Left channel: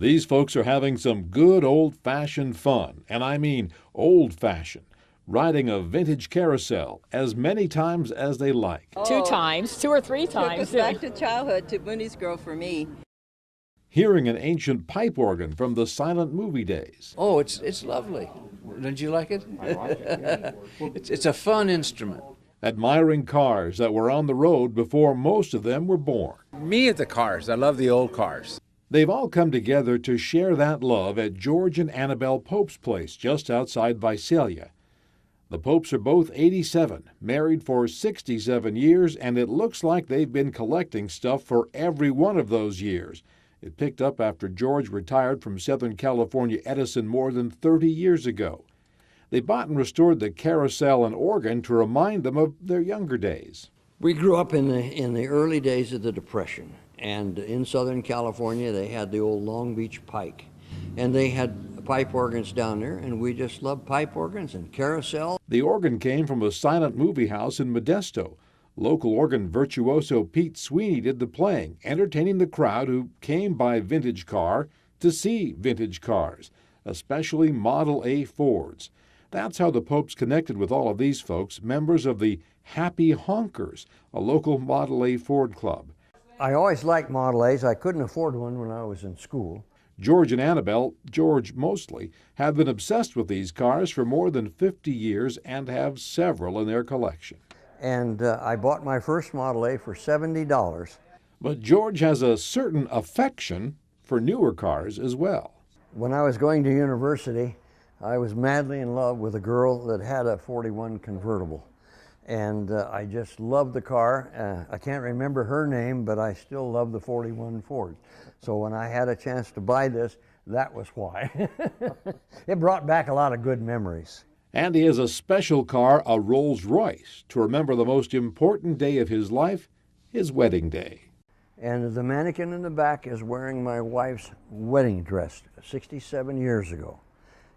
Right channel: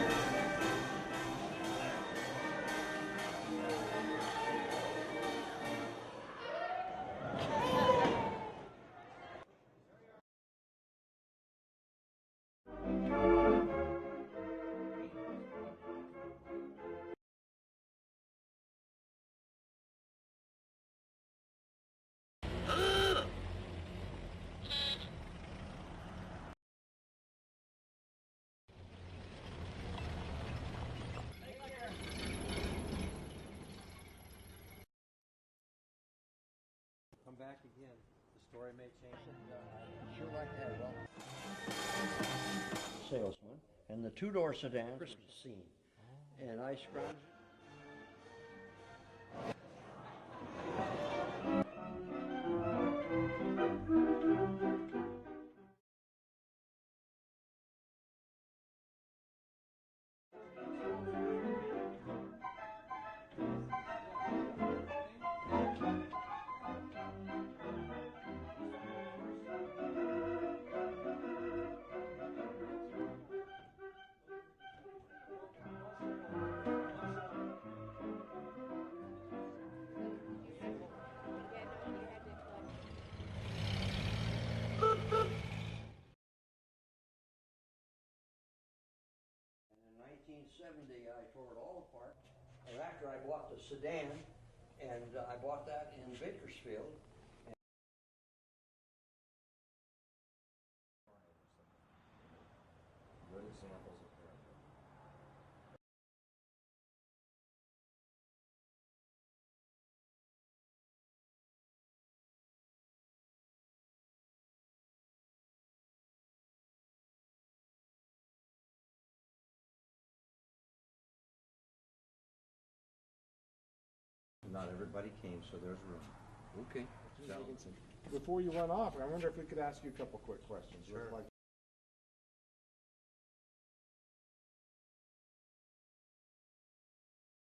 These folks are having some good old-fashioned fun, and I mean old-fashioned, riding a vintage carousel as many times as they like. Two times, 2 or 3 times. Took us back to childhood, to Booney's Girl for me. Hearing an ancient pipe organ from the silent movie days. Oh, it's lovely. Don't you like it? I like it. It's a fun instrument. Admiring cars that were on the road before most of them were born. Me at the cars. I love the old cars. They've all come together to share that love at George and Annabelle Pope's place just outside Visalia. The Popes are both 87, married for 67 years, and it looks like they've been collecting stuff for every one of those years. It picked up after George retired from Southern California Edison more than 30 years ago. They bought and restored the carousel and organ to remind them of their younger days. We grew up in the early days of the Depression, and in Southern California they had the old Long Beach Pike, and they had pipe organs down there, and we just loved pipe organs and carousel. The organ came from a silent movie house in Modesto. Local organ virtuoso Pete Sweeney did the playing, entertaining the crowd who came by vintage car to see vintage cars, especially Model A Fords. That's how the Popes connected with all of these folks, members of the Happy Honkers, a local Model A Ford club. I always liked Model A's. I couldn't afford one when I was in school. George and Annabelle, George mostly, have been obsessed with these cars for more than 50 years and have several in their collection. And I bought my first Model A for $70. But George has a certain affection for newer cars as well. When I was going to university, I was madly in love with a girl that had a 41 convertible. And I just loved the car. I can't remember her name, but I still love the 41 Ford. So when I had a chance to buy this, that was why. It brought back a lot of good memories. And he has a special car, a Rolls Royce, to remember the most important day of his life, his wedding day. And the mannequin in the back is wearing my wife's wedding dress 67 years ago.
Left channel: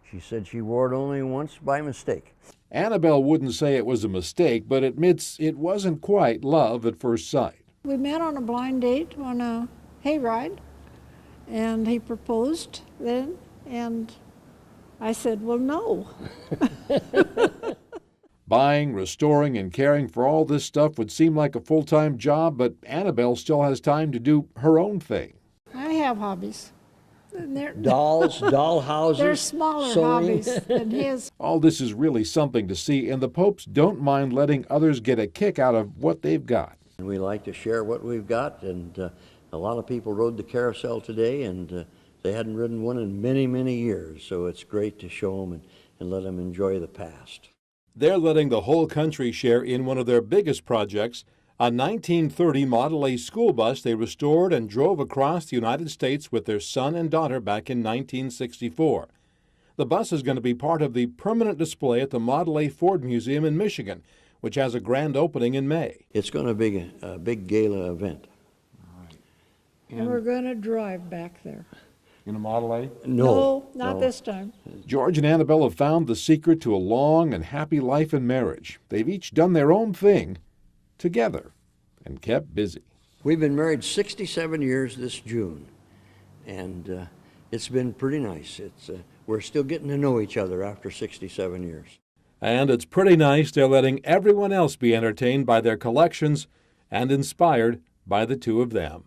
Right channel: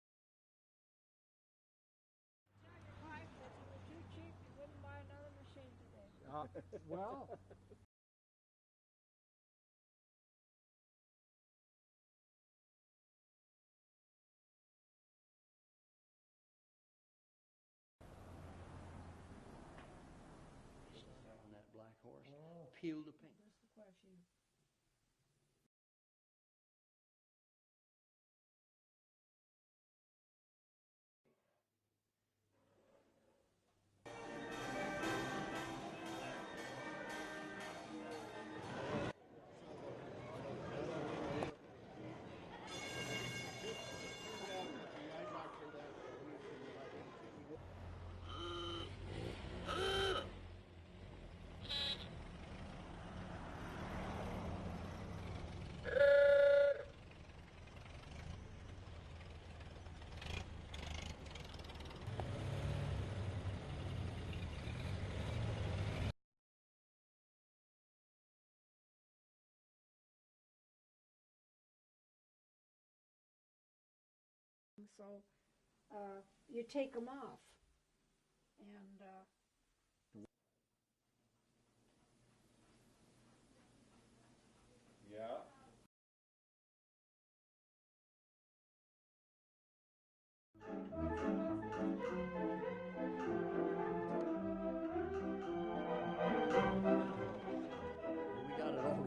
She said she wore it only once by mistake. Annabelle wouldn't say it was a mistake, but admits it wasn't quite love at first sight. We met on a blind date on a hayride, and he proposed then, and I said, well, no. Buying, restoring, and caring for all this stuff would seem like a full-time job, but Annabelle still has time to do her own thing. I have hobbies. Dolls, doll houses, they're smaller sewing. hobbies than his. All this is really something to see, and the Popes don't mind letting others get a kick out of what they've got. We like to share what we've got, and a lot of people rode the carousel today, and they hadn't ridden one in many, many years, so it's great to show them and let them enjoy the past. They're letting the whole country share in one of their biggest projects, a 1930 Model A school bus they restored and drove across the United States with their son and daughter back in 1964. The bus is going to be part of the permanent display at the Model A Ford Museum in Michigan, which has a grand opening in May. It's going to be a big gala event. And we're going to drive back there. In a Model A? No, not this time. George and Annabelle have found the secret to a long and happy life in marriage. They've each done their own thing together and kept busy. We've been married 67 years this June, and it's been pretty nice. We're still getting to know each other after 67 years. And it's pretty nice they're letting everyone else be entertained by their collections and inspired by the two of them.